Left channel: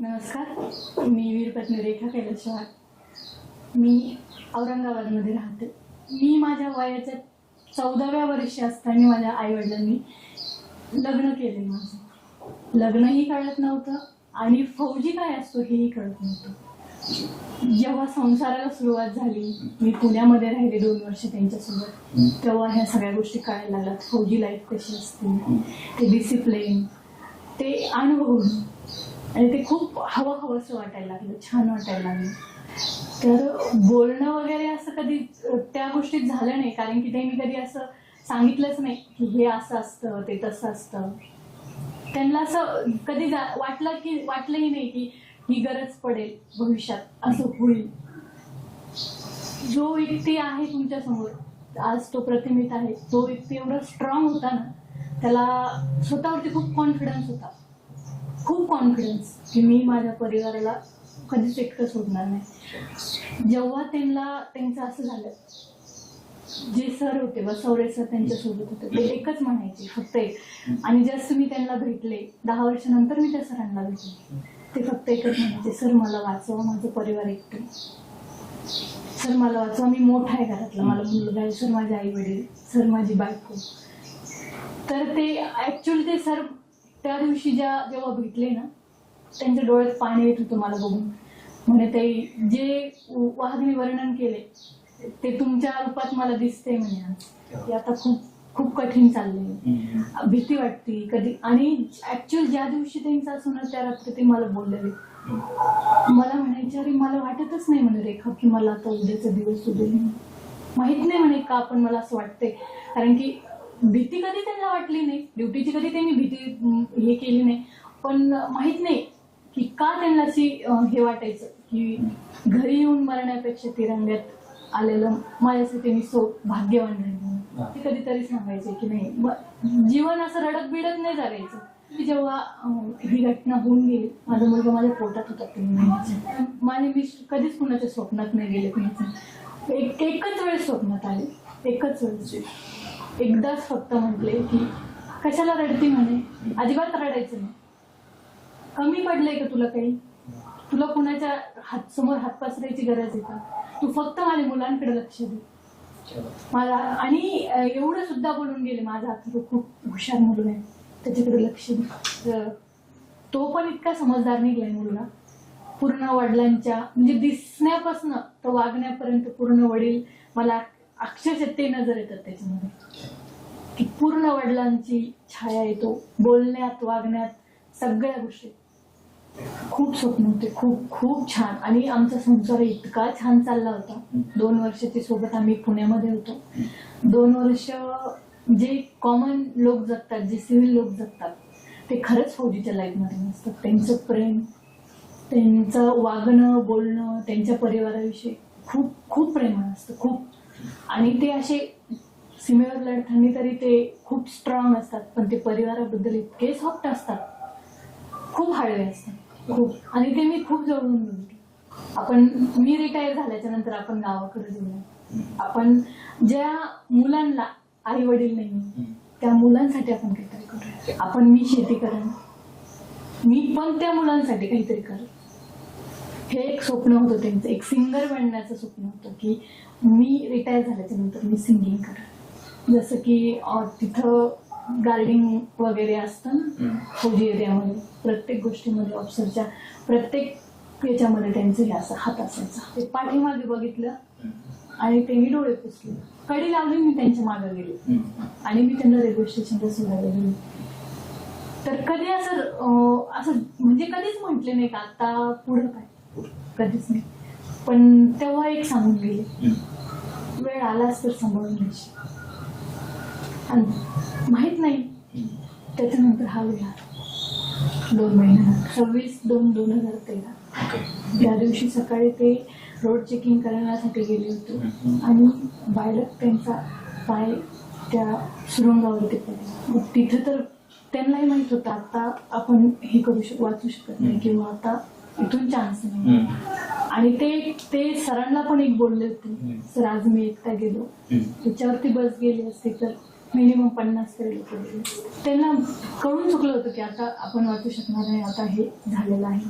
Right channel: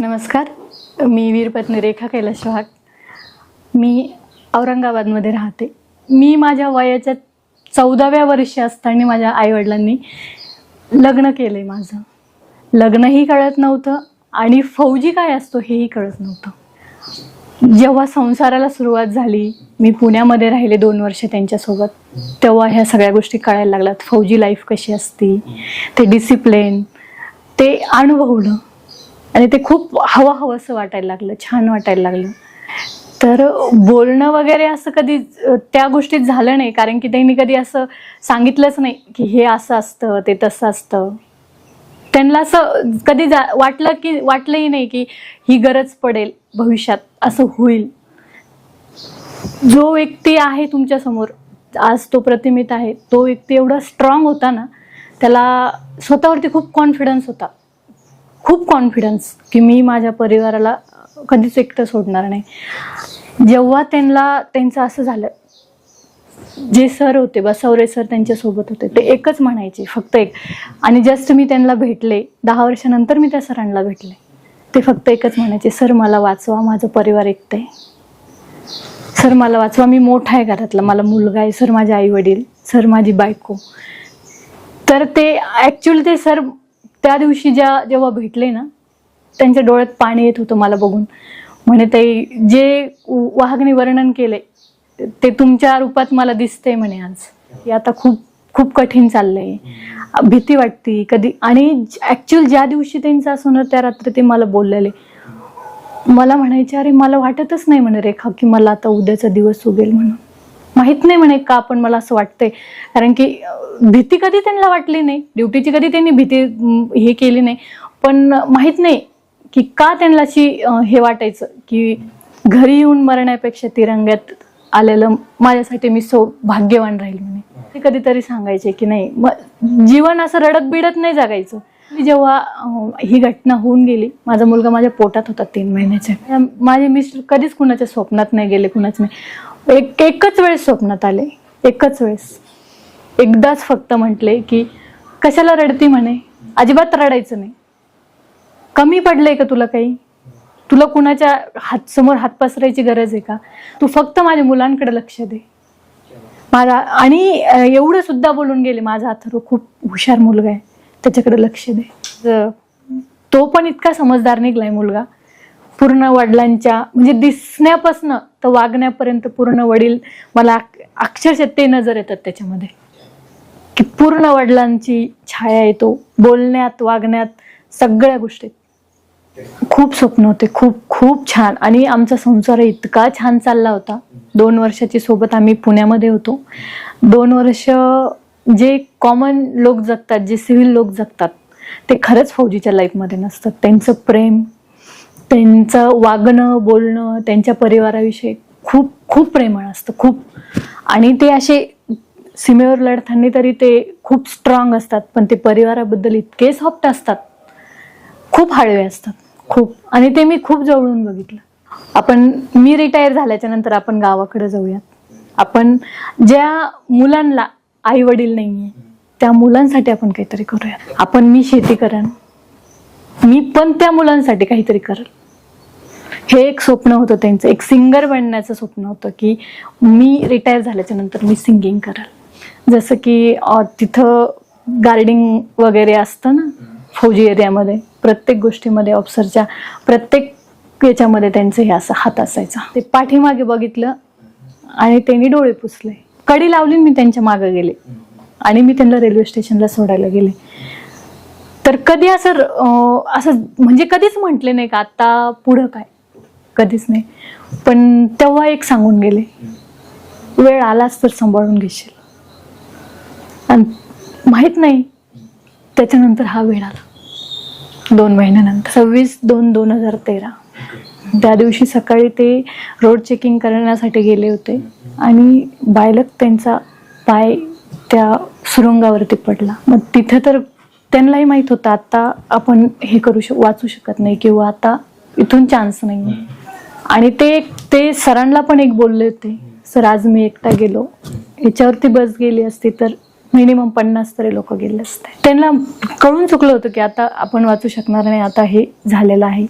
नमस्कार. मी वीरपत्नी रेखा कैलास वाघ. मी औरंगाबादमध्ये राहते. मी माझ्या वयाच्या चौदाव्या वर्षी असताना माझ्या आईवडिलांनी लग्न केलं आहे माझं. लग्नही कळत नव्हतं आणि फौजी काय असतो हेही कळत नव्हतं. जेव्हा संसाराला सुरुवात झाली मी पुण्यामध्ये राहिले दोन वर्ष त्यांच्यासोबत तेव्हा ह्या सगळ्या गोष्टी कळायला लागल्यात. फौजी लाईफ कशी असती ते डिसिप्लिन ते अनुभवलं. आणि ते खूप हवं हवं असं वाटायला लागलं छान वाटायला लागलं. तर बोलणं वगैरे असं कधी त्या गोष्टीत झालं नाही कारण की त्यांनी कधी असं सांगितलंच नाही की हे असं असतं ते तसं असतं. त्यांना असं कधी जा वाटलं की वाटलंही नाही की ही गरज पडेल भविष्यात असं होईल. जो व्यक्ती आहे तुमच्यासमोर आज तो प्रतिमित आहे तो व्यक्ती एवढा स्ट्रॉंग होता ना त्याला स्वतःवरती खूप कॉन्फिडन्स होता. खूप कॉन्फिडन्स की मी माझ्या परिवाराला कधीच एकटं सोडणार नाही. जेव्हा त्यांना त्यांचं असं झालं जे सर होते बसवरे सर त्यांच्यासोबत होते ते एकच म्हणायचे फक्त एक. आणि जस्ट मी त्यांना भेटले दहा वर्षानंतर मी त्या सरांना भेटले. ते फक्त एकच म्हणायचे सर मला वाचवा माझं परिवार एकटं आहे. सर मला वाचवा मी मोठा आहे घरातला मला मुलगा आहे सर माझे आई वडील सर माझी बायको. तर ते ॲक्च्युली ते सर त्या दिवशी ज्या जेव्हा भेटले ना त्यांच्या डोळ्यात पाणी येत होतं मला बघून. म्हणे ते जे वाघने वर्णन केलंय ते तुमच्या रूपात मला दिसतंय म्हणे आज. हे आता खूप खूप कठीण चाललंय. भीती वाटती. कधी आणि ऍक्च्युअल ज्या दिवशी त्यांचं असं त्या रात्री ते मला बोललेले. मला म्हणायचे अरे मला वाटतच नाही म्हणे रेखा की मला आता उद्याचा दिवस उगेल म्हणून. माहीत नाही म्हणे का पण मला असं वाटतंय. कारण की भीती कधी त्यांना वाटली नाही ड्युटीची कधी त्यांनी भीती हे केली नाही. पण माहीत नाही की का त्यांना अशी हे वाटायचं की घरी येऊन मरण्यापेक्षा तिरंग्यात आलेलं माझ्यासाठी मी सो भाग्यवान राहील म्हणे. ते कधीतरी सांगायचे की नाही मग जीवन असं रडत बिडत नाही जगायचं. मी जेव्हा ही घटना होऊन गेली माझा मुलगा माझ्या पोटात होता तीन महिन्याच्या. माझे मिस्टर कधीच कुणाच्या स्वप्नात नाही गेले कुणाच नाही. एक एकच वेळेस स्वप्नात आले. एकच वेळेस. एकदाच फक्त म्हटले की कशाला रडती म्हणे? अजिबात रडायचं नाही. कमी पडलंय का तुला काही? तुला कुणाच्या हात समोर हात पसरायची गरज आहे का? तू फक्त माझ्या मुलांकडे लक्ष दे. माझा आणि एवढं सुद्धा बोलून गेले माझा अथर्व खूप हुशार मुलगा आहे. त्याच्याकडे लक्ष दे. तो पण इतका समजदार निघलाय मुलगा. पूर्ण वडिलांच्या म्हणजे दिसण्यापासनं तर वागण्यापर्यंत पूर्ण वडील मला अक्षरशः ते नजर येतात त्याच्यामध्ये. की पूर्ण वडिलांची छाया येतो बोलण्यात वागण्यात सगळ्या गोष्टीत खूप स्वप्न होते. खूप खूप छान. आणि आमचा संसार इतका छान चालला होता. दोन वर्षाची सोबत आम्ही पुण्यामध्ये होतो. दोन वर्ष जे कॉमन लोक जगतात जे सिव्हिल लोक जगतात ते खरंच फौजीच्या लाईफमध्ये नसतात. त्यांचं प्रेम त्यांचं वागणं बोलणं त्यांच्या परिवाराविषयी खूप खूप प्रेमळ असतं खूप. आणि ते असे सीमेवर लढताना तरी ते खूप स्ट्रॉंग असतात पण ते परिवाराबद्दल इतके सॉफ्ट असतात. खूप हळवे असतात खूप. आणि ते मी खूप जवळून बघितलं. आपण मी रिटायर झाल्याच्यानंतर आपण गावाकडे जाऊयात. आपण ज्या मुलांना आई वडील नाहीये त्या मुलांसाठी आपण काहीतरी करूया आपण मी शेती करेन मी पण त्या मुलांसाठी काहीतरी करेल. हे एक स्वप्न होतं त्यांचं. एक सिंगर बनण्याचं स्वप्न होतं की मी रिटायर झाल्याच्यानंतर मी सिंगिंग करेल. जसं की तिथं गार्डिंग वगैरे असतं ना फौजी एरियामध्ये प्रत्येक गोष्टीमध्ये ऑफिसरच्या प्रत्येक याच्यामध्ये त्यांचं हे असं हात असायचा. ते पाठीमागे बघितलं आणि त्यांनी डोळे पुसले. कडी लावली मी त्यांच्या मागे गेले. आणि मी त्यांना रेल्वे स्टेशनला सोडायला गेले. तर कधी असं असं म्हणजे कधीच म्हटले नाही का आता पुढं काय? कधीच नाही. पण तेव्हा एक सांगून गेले वेळ आलाच तर सांभाळून घेशील. आणि माहीत नाही त्याच्यानंतर हा वेळ आला. दोन महिन्यानंतर. सव्वीस दोन दोन हजार तेरा. त्या दिवशी सकाळी ते रोड चेकिंग करण्यासाठी गेले होते आणि बायलक त्यांचा पाय त्या सुरुंगावरती पडला. मग तिथे तर त्यांनाही माहीत होतं आता आपण हे करू शक वाचू शकत नाही किंवा आता इथून चान्स नाही आणि ते ते सरांना पण एक बोलले होते सर आज मी एकटा गेलो. याच्यावरती बस गेली असती तर मिनिमम पन्नास तरी लोक गेले असते. त्यांना कळून चुकलं होतं की आता आपण वाचू शकणार नाही आता हे झालेलं आहे.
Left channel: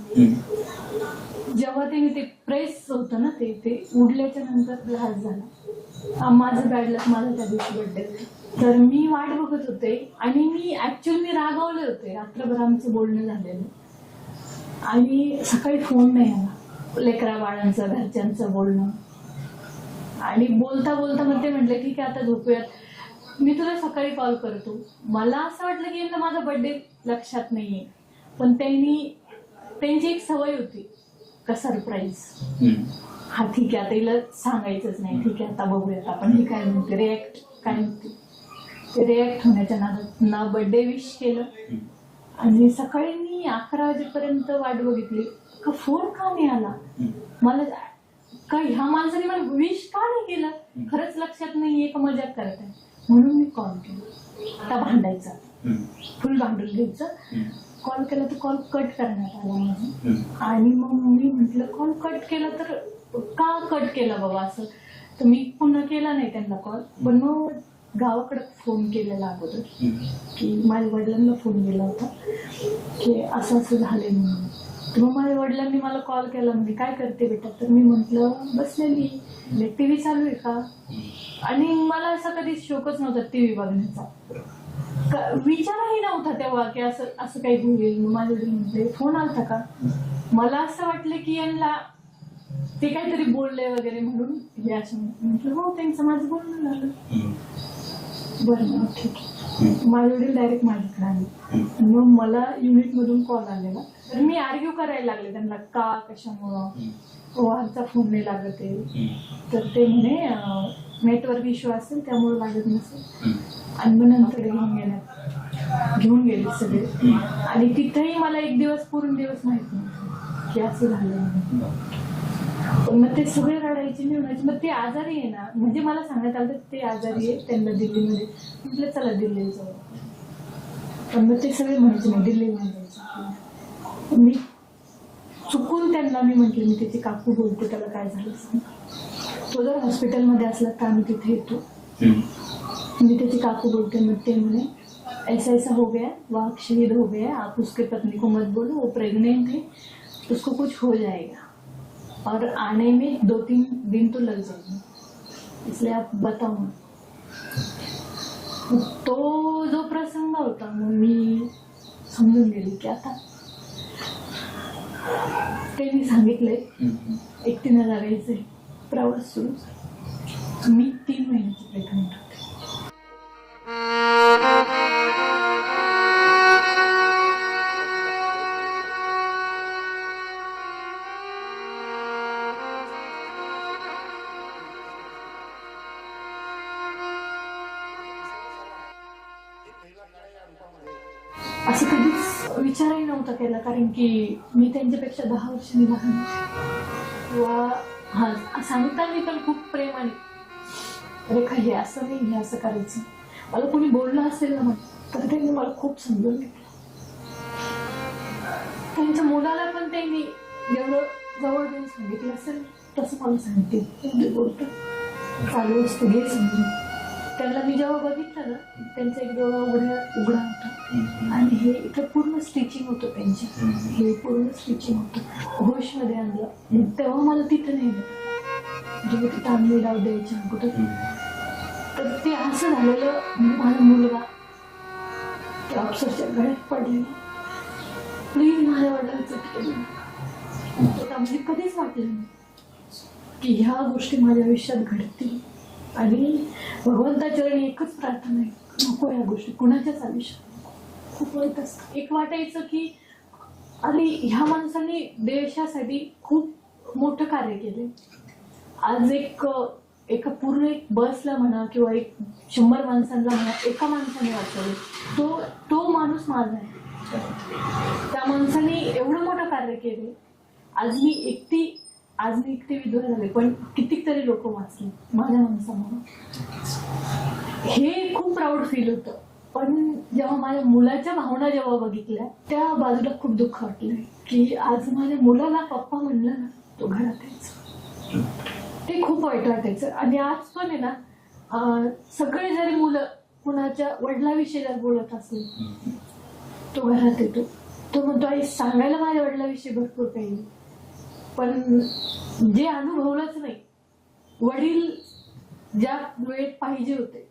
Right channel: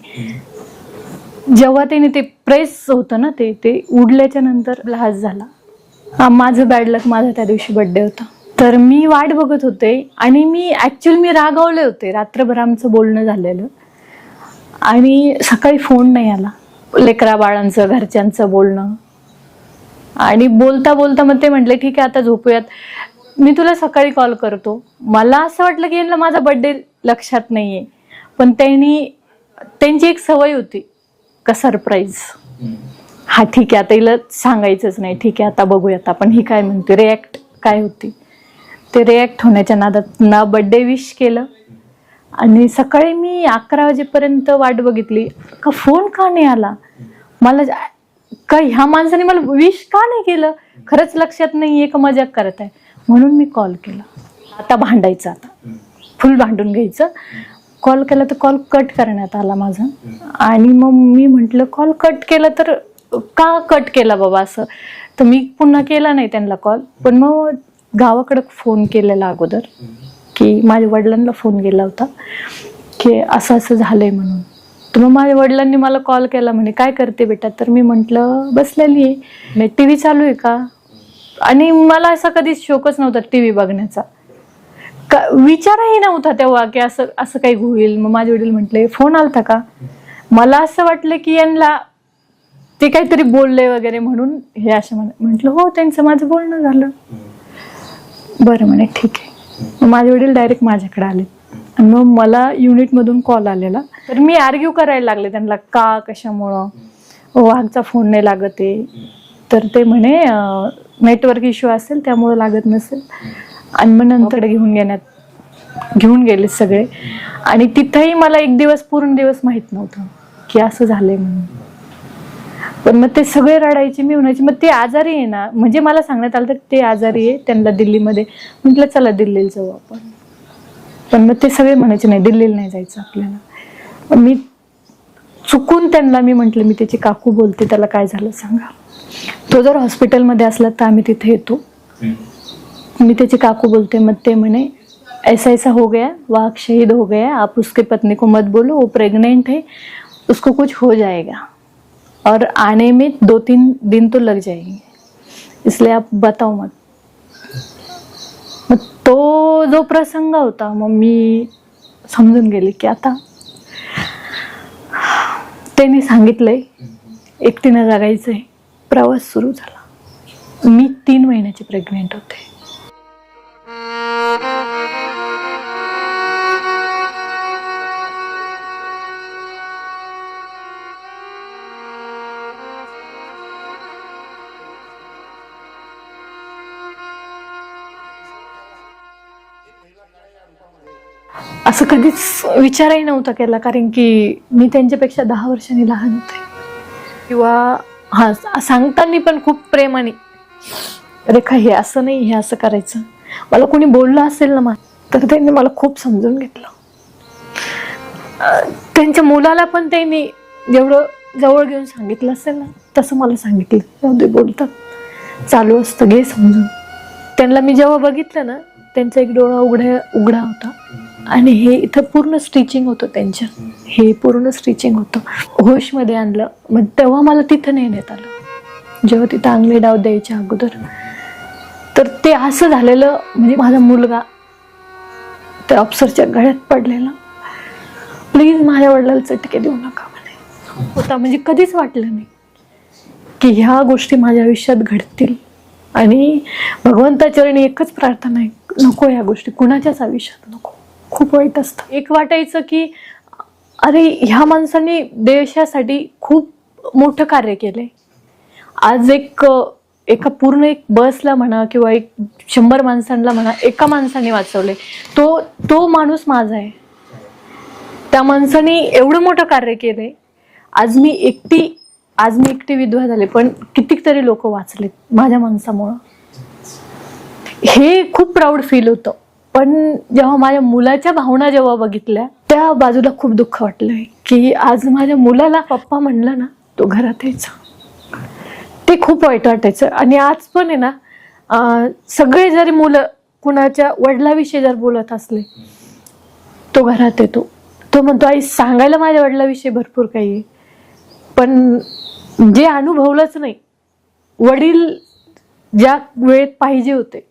जेव्हा त्याने ते प्रेस होतं ना ते ते उडल्याच्या नंतर लास झाला. माझं बॅड लक माझा त्या दिवशी बर्थडे होता. तर मी वाट बघत होते आणि मी ऍक्च्युअली मी रागावले होते. रात्रभर आमचं बोलणं झालेलं. आणि सकाळी फोन नाही आला. लेकरा बाळांचं घरच्यांचं बोलणं. आणि बोलता बोलता मग ते म्हटले ठीक आहे आता झोपूयात. मी तुला सकाळी कॉल करतो. मला असं वाटलं की यांना माझा बर्थडे लक्षात नाहीये. पण त्यांनी त्यांची एक सवय होती. का सरप्राईज हा ठीक आहे आता हिला सांगायचंच नाही. ठीक आहे आता बघूयात आपण. ही काय म्हणते? रिॲक्ट काय होती? ते रिॲक्ट होण्याच्या नादात ना बड्डे विश केलं. आणि सकाळी मी अकरा वाजेपर्यंत वाट बघितली. का फोन का नाही आला? मला जा- का ह्या माणसाने मला विश का नाही केलं? खरंच लक्षात नाहीये का मजाक करत आहे? म्हणून मी कॉल केला. आता भांडायचं आता. फुल भांडून घ्यायचं. कॉल केला तर कॉल कट करण्यात आला माझा. आणि मग मी म्हंटल कॉल कट केला तर का कट केला बाबा असं? तर मी पुन्हा केला नाही त्यांना कॉल पण मग गावाकडे फोन केलेला अगोदर की माझ्या वडिलांना फोन केला होता की असं असं झालंय म्हणून. तर मग माझ्या वडिलांनी मला कॉल केला म्हणे काय करते बेटा? तर मी म्हंटल बसलेली आहे. टी व्ही चालू आहे का? आणि मला असा कधीच शोकच नव्हता टी व्ही बघण्याचा. का- विचारही नव्हता तेव्हा की असं असं काही होईल. मग माझे वडील म्हटले फोन आलता का? मला असं वाटलं की यांना ते काहीतरी बोलले वगैरे म्हणून हे असं म्हटलं हो त्यांचं माझं बोलणं झालं. बरं म्हणे ठीक आहे. मग माझे वडील डायरेक्ट माझ्याकडे आले. आणि मग मला युनिटमधून कॉल आलेला. तर मी आर्ग्यू करायला लागले त्यांना का कशामुळं? वाघचा फोन नाही लागत आहे. तर ते म्हणे नेटवर्क इश्यू असेल त्यामुळं लागत नसेल. आणि मग नंतर घेऊन घेण्यात घेऊन गेले सगळे. आणि तिथेही मला एक दिवस पूर्ण दिवस माहीत नव्हतं की असं झालंय म्हणून. पण मग ते सगळे रडायचे मी म्हणायचे मग ते आजारी आहे ना? म्हणजे मला सांगण्यात आलं तर ते आजारी आहे त्यांना दिल्लीमध्ये. म्हटलं चला दिल्लीला जाऊ आपण. पण मग ते सगळे म्हणायचे नाही दिल्लीला नाही जायचं आपल्याला. मी चुकून त्यांना मी म्हंटल मी त्याची काकू बोलते त्याला काय झालं सांगा. तो जर हॉस्पिटलमध्ये असला तर आम्ही तिथे येतो. मी त्याची काकू बोलते मग ते म्हणे ऐसा ऐसा हो गया वाघ शहीद हो गया आप उसके पत्नी को मत बोलो वो प्रेग्नेंट है उसको कुछ हो जाएगा. और आने में दो तीन दिन तो लग जाएंगे। इसलिए आप बताओ मत। मग तो जो प्रसंग होता मग मी समजून गेले की आता। त्यांनी सांगितलंय एकटीनं जगायचंय. प्रवास सुरू झाला. मी तीन महिन्याची प्रेग्नेंट होते. असं कधीच विचारही नव्हता केला कारण की मी त्यांच्यापेक्षा दहा वर्षांनी लहान होते. किंवा हा सांगताना पण खूप प्रेमाने रेखा हे असं नाही हे असं करायचं. मला कोणी बोललं असेल ना मा तर त्यांनी मला खूप समजून घेतलं. त्यांच्या मुलाला पण त्यांनी जेवढं जवळ घेऊन सांगितलं असेल ना तसं मला सांगितलं. जाऊ दे बोलतात. चालू असतं घे समजून. त्यांना मी जेव्हा बघितलं ना त्यांचा एक डोळा उघड्या उघडा होता. आणि हे इथं पूर्ण स्टिचिंग होतं त्यांच्या हे पूर्ण स्टिचिंग होतं. होशमध्ये आणलं. मग तेव्हा मला तिथं नेण्यात आलं. जेव्हा तिथं आंगले डाव द्यायच्या अगोदर. तर ते असं झालेलं म्हणजे माझा मुलगा त्या ऑफिसरच्या गळ्यात पडलेला. प्लीज माझ्या वडिलाला चटके देऊ नका म्हणे. होता. म्हणजे कधीच वाटलं नाही की ह्या गोष्टी माझ्या आयुष्यात घडतील. आणि भगवंताचरणी एकच प्रार्थना आहे. नको ह्या गोष्टी कुणाच्याच आयुष्यात नको. खूप वाईट असतं. एक वाटायचं की अरे ह्या माणसांनी देशासाठी खूप मोठं कार्य केलंय. आज एक एका पूर्ण एक बसला म्हणा किंवा एक शंभर माणसांना म्हणा एका माणसाने वाचवले तो तो माणूस माझा आहे. त्या माणसाने एवढं मोठं कार्य केलंय. आज मी एकटी आज मी एकटी विधवा झाले पण कितीतरी लोक वाचलेत माझ्या माणसामुळं. हे खूप प्राऊड फील होतं. पण जेव्हा माझ्या मुलाच्या भावना जेव्हा बघितल्या त्या बाजूला खूप दुःख वाटलंय. की आज माझ्या मुलाला पप्पा म्हणलं ना तो घरात यायचा. ते खूप वाईट वाटायचं. आणि आज पण आहे ना सगळे जरी मुलं कुणाच्या वडिलाविषयी जर बोलत असले तो घरात येतो. तो म्हणतो आई सांगायला माझ्या वडिलाविषयी भरपूर काही आहे. पण जे अनुभवलंच नाही वडील ज्या वेळेत पाहिजे होते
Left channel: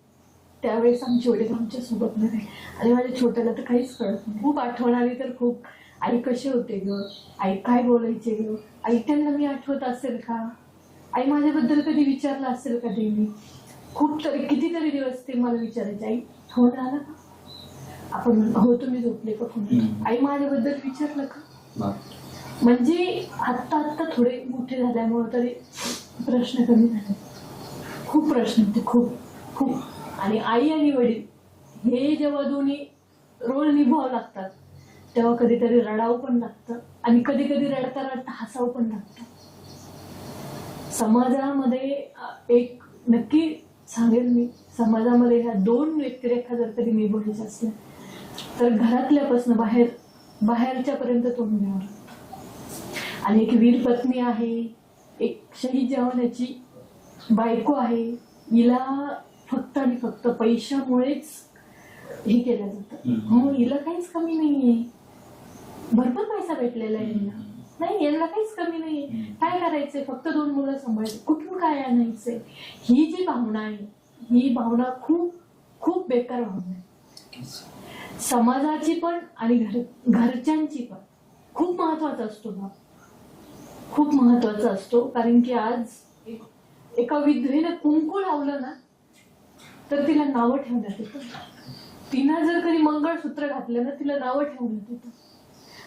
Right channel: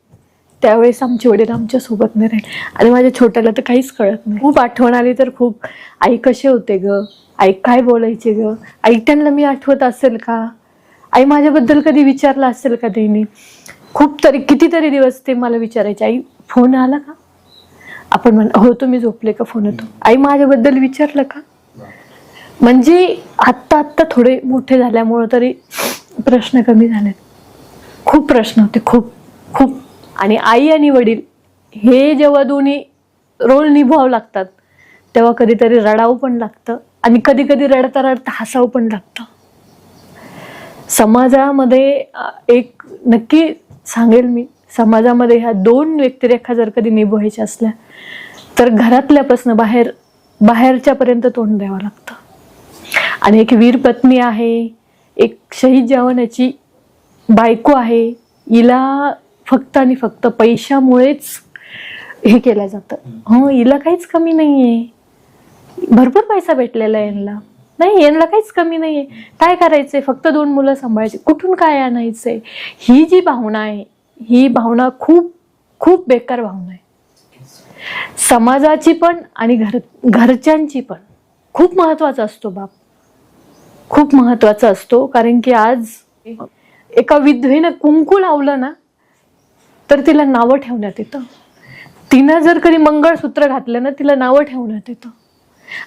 त्यावेळेस आमचे वडील आमच्यासोबत नाही राहिले. आणि माझ्या छोट्याला तर काहीच कळत नाही. खूप आठवण आली तर खूप. आई कसे होते ग? आई काय बोलायचे ग? आई त्यांना मी आठवत असेल का? आई माझ्याबद्दल कधी विचारलं असेल का त्यांनी खूप तरी कितीतरी दिवस ते मला विचारायचे आई फोन आला का? आपण म्हण हो तुम्ही झोपले का फोन येतो आई माझ्याबद्दल विचारलं का? म्हणजे आत्ता आत्ता थोडे मोठे झाल्यामुळं तरी प्रश्न कमी झालेत. खूप प्रश्न होते खूप. आणि आई आणि वडील हे जेव्हा दोन्ही रोल निभावं लागतात तेव्हा कधीतरी रडावं पण लागतं आणि कधी कधी रडता रडता हसावं पण लागतं. समाजामध्ये एक नक्की सांगेल मी समाजामध्ये ह्या दोन व्यक्तिरेखा जर कधी निभवायच्या असल्या तर घरातल्यापासून बाहेर बाहेरच्यापर्यंत तोंड द्यावं लागतं. आणि एक वीर पत्नी आहे एक शहीद जवानाची बायको आहे हिला फक्त आणि फक्त पैशामुळेच हे केलं जातं. हो हिला काहीच कमी नाहीये. भरपूर पैसा भेटलेला आहे यांना. नाही यांना काहीच कमी नाहीये. काय करायचंय? फक्त दोन मुलं सांभाळायची. कुठून काय आणायचंय? ही जी भावना आहे ही भावना खूप खूप बेकार भावना आहे. समाजाची पण आणि घर घरच्यांची पण. खूप महत्त्वाचा असतो बाप. खूप महत्त्वाचा असतो. कारण की आज एका विधवेनं कुंकू लावलं ना तर तिला नावं ठेवण्यात येतं. तिनं जर कधी मंगळसूत्र घातलं ना तिला नावं ठेवण्यात येतं.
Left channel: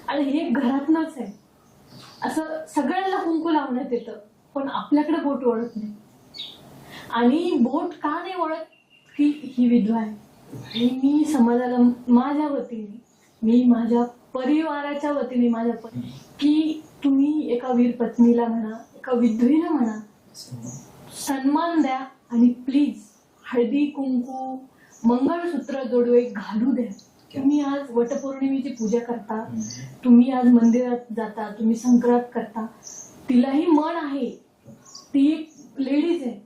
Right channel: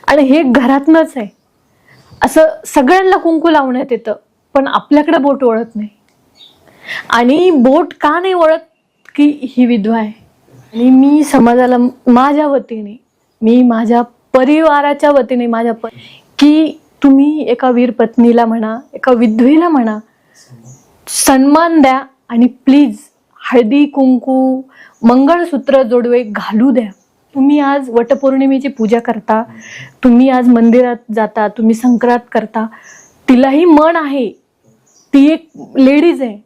आणि हे घरातनंच आहे. असं सगळ्यांना कुंकू लावण्यात येतं पण आपल्याकडे बोट ओळत नाही. आणि बोट का नाही ओळत की ही विधवा आहे. आणि मी समाजाला माझ्या वतीने मी माझ्या परिवाराच्या वतीने माझ्या प की तुम्ही एका वीर पत्नीला म्हणा एका विधवेला म्हणा सन्मान द्या आणि प्लीज हळदी कुंकू मंगळसूत्र जोडवे घालू द्या. तुम्ही आज वटपौर्णिमेची पूजा करता तुम्ही आज मंदिरात जाता तुम्ही संक्रांत करता तिलाही मन आहे. ती एक लेडीज आहे.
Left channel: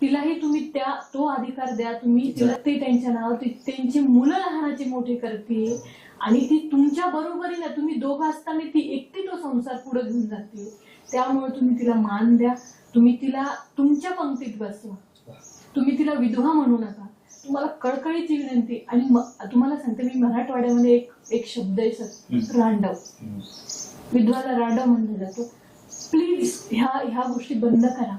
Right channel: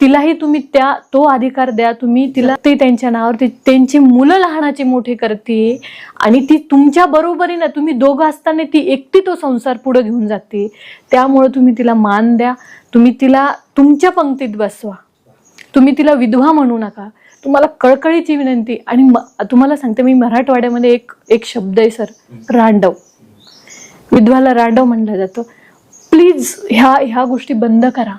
तिलाही तुम्ही त्या तो अधिकार द्या. तुम्ही तिला ते त्यांच्या नावावर ती त्यांची मुलं लहानाचे मोठे करते आणि ती तुमच्या बरोबरीनं तुम्ही दोघं असताना ती एकटी तो संसार पुढे घेऊन जाते त्यामुळे तुम्ही तिला मान द्या. तुम्ही तिला तुमच्या पंक्तीत बसवा. तुम्ही तिला विधवा म्हणू नका. तुम्हाला कळकळीची विनंती. आणि तुम्हाला सांगते मी मराठवाड्यामध्ये एक एक शब्द आहे सर. रांडव. विधवाला रांडव म्हणलं जातं. प्लीज ह्या ह्या गोष्टी बंद करा.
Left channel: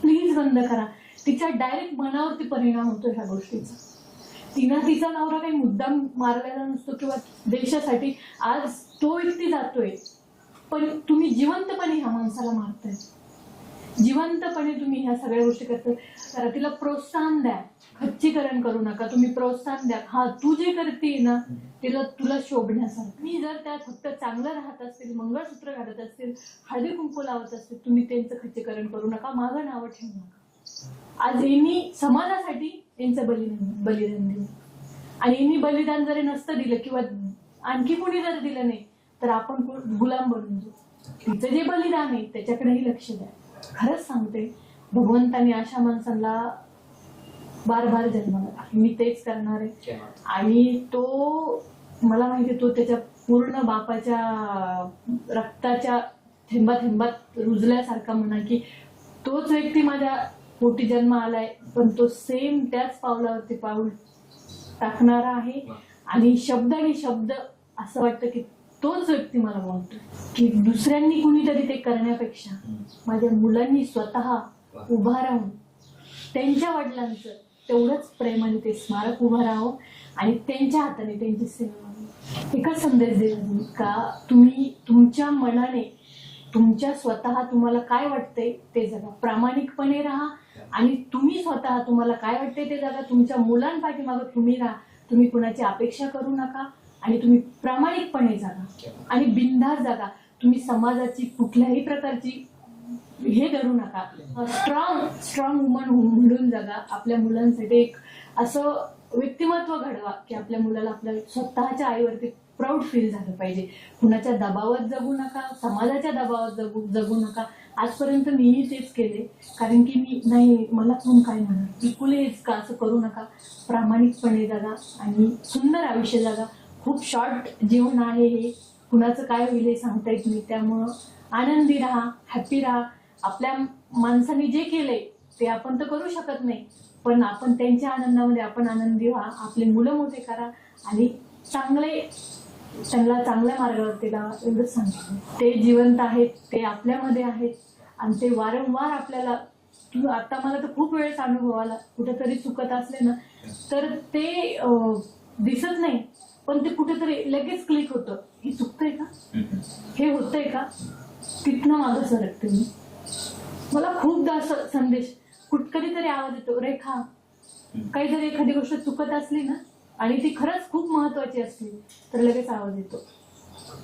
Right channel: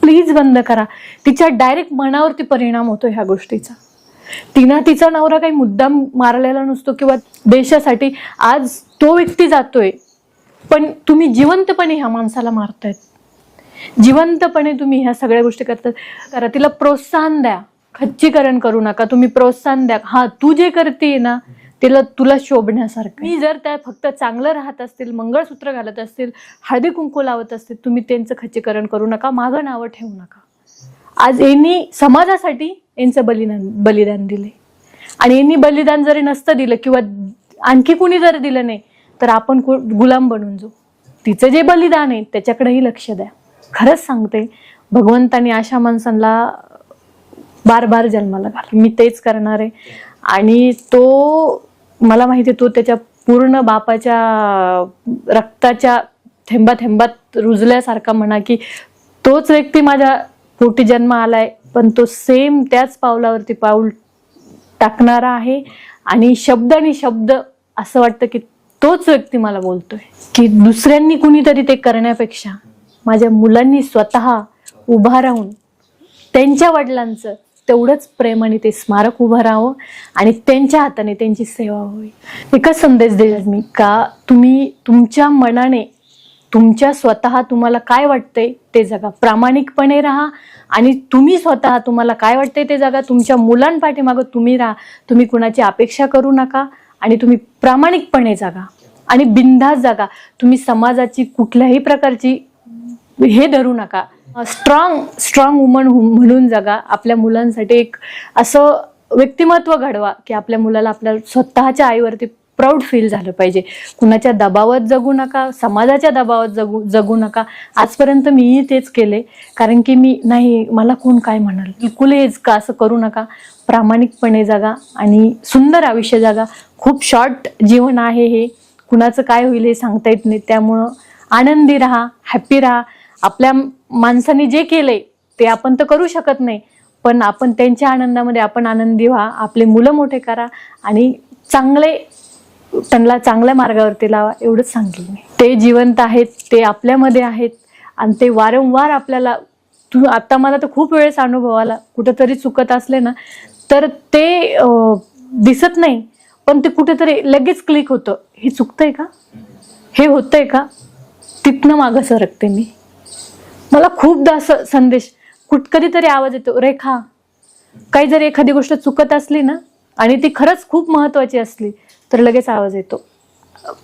प्लीज बंद करा. तिच्या डायरेक्ट मनावरती परिणाम होतो ह्या गोष्टीचा. तिनं तिचा नवरा काही मुद्दाम मारलेला नसतो किंवा देशासाठी आज तो व्यक्ती जातोय. पण तुम्ही जिवंतपणे ह्या माणसाला मारतायत. जिवंतपणे तुम्ही ह्या सगळ्या गोष्टी करतात. करा. तिला प्रोत्साहन द्या. खच्चीकरण करू नका. तुम्ही प्रोत्साहन द्या. हा तू जे करते ना तिला तुला शोभण्यासारखं. मी जर त्या फक्त चांगलं राहत असतील मंगळसूत्र घालत असतील हळदी कुंकू लावत असतील तुम्ही त्यांचं खच्चीकरण करू नका. मागं नावं ठेवू नका. आज यांनी समाजासाठी यांचं बलिदान बलिदान दिले आणि यांनी बलिदान जरी नसतं दिलं किंवा आणखी कुणी जर दिलं नाही तर आपण गुलाम बनून जाऊ. तिचं जे बलिदान आहे त्याच्याकडेही लक्ष द्या. खरंच सांगते भगवंतानी अशा माणसांना बार बार जन्माला घाल मी तेच करणार आहे. आणि तो मला माहिती तो त्याच्या पूर्ण बापाच्या रक्ताच्या थेंबा थेंबात रुजल्यासारखा म्हणा की तोच व्यक्ती माझ्या पोटी जन्म आलाय पण तो सेम त्याच पावलावरती पाऊल टाकणारा आहे. आणि शब्द आणि शब्द असं वाटतं की तोच व्यक्ती मला बोलतोय. की दुसऱ्यांनी कुणीतरी ते करण्यापेक्षा माझ्या मुलांनी स्वतः उभा राहून त्यांच्या वडिलांचं तेवढंच प्रेमाने ते स्मारक उभं राहावं आणि त्यांच्या हाताने त्यांची सेवा व्हावी. एकच संदेश देईल मी का तुम्ही तुमच्या मनाने तुमच्या स्वतः तुम्हाला काय वाटतंय ते जगा. प्रामाणिकपणे राहा आणि तुम्ही स्वतः तुम्हाला काय वाटतंय ते जगा. तुमच्या मुलांपाठीमागं तुम्ही राहा. तुम्ही कुणाची अपेक्षा करू नका आणि तुम्ही प्रामाणिकपणे जगा. आणि बिनधास्त जगा. तुम्ही समाजाची कुठल्याही प्रकारची हे धरू नका. स्ट्रॉंग स्ट्रॉंग वुमन म्हणून जगा. आपल्या मुलांसाठी एक असं व्यक्तिमत्व घडवा की आपल्या मुलाला आपल्या स्वतःच्या आईवरती प्राऊड फील झालं पाहिजे. कुणाच्या दबावात जगू नका समाजाच्या दबावात जगू जगू नका. आजपर्यंत मीही तेच केले. कारण की मी नाही मला कोण काय म्हणाल? बिलकुल हेच का असं करू नका. प्रामाणिकपणे जगा आणि सुंदर आयुष्य जगा. खूप शॉर्ट जीवन आहे हे. कुणाचं काय होईल हे सांगता येत नाही. त्यामुळं आनंदी राहा हॅप्पी राहा. आपल्या माणसाने जे केलंय ते आपण तर करू शकत नाही. पण आपण त्यांच्या आनंदामध्ये आपण आनंदी व्हा आपले मुलं मोठे करा आणि चांगले त्यांना चांगल्या मार्गावरती लावा एवढंच सांगेल मी. ते जिवंत आहेत ते आपल्यामध्ये आहेत आणि ते वारंवार आपल्याला तू आता मला तर खूप वेळेस अनुभव आला कुठेतरी चुकत असले ना तर ते दिसत नाही. पण ते कुठेतरी लगेच क्लिक होतं. हे चुकतंय का? हे होतंय का? तिथनं मागं सरकते मी. मला खूपदा असं संदेश कुठ कधीतरी आवाज येतो रेखा काही जर एखादी गोष्ट चुकत असली ना आणि ती खरंच खूप महत्वाची असली तर लगेच आवाज येतो.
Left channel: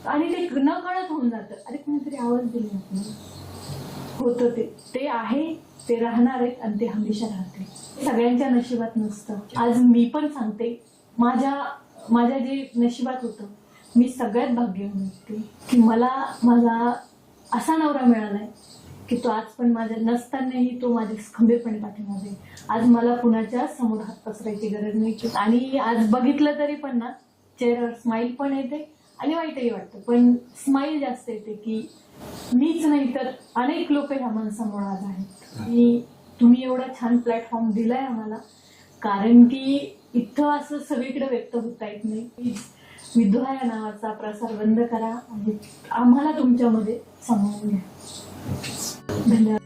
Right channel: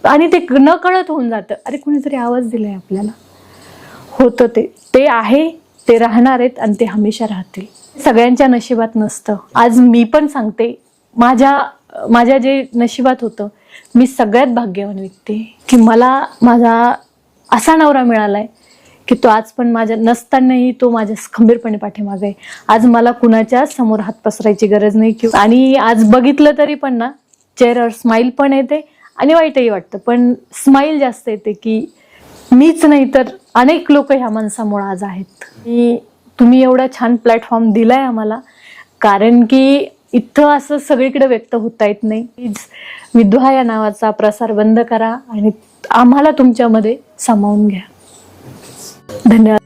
आणि ते न कळत होऊन जातं. अरे कुणीतरी आवाज दिलाय आपल्याला. होतं ते. ते आहे ते राहणार आहेत आणि ते हमेशा राहतील. सगळ्यांच्या नशिबात नसतं. आज मी पण सांगते माझ्या माझ्या जे नशिबात होतं मी सगळ्यात भाग्यवान व्यक्ती की मला माझा असा नवरा मिळालाय की तो आज पण माझ्या नसतानाही तो माझ्या खंबीरपणे पाठीमागे आहे. आज मला कुणाच्या समोर हात पसरायची गरज नाही किंवा आणि आज बघितलं तरी पण ना चेहऱ्यावर स्माईल पण येते आणि वाईटही वाटतं. पण स्माईल जास्त येते की मीच नाही तर अनेक लोक ह्या माणसामुळे आज आहेत. की तुम्ही एवढा छान प्लॅटफॉर्म दिलाय आम्हाला कारण की इथं असं सगळीकडे व्यक्त होता येत नाही. प्लीज विधवा या नावाचा प्रसार बंद करा आणि आम्हाला तुमच्यामध्ये सामावून घ्या. धन्यवाद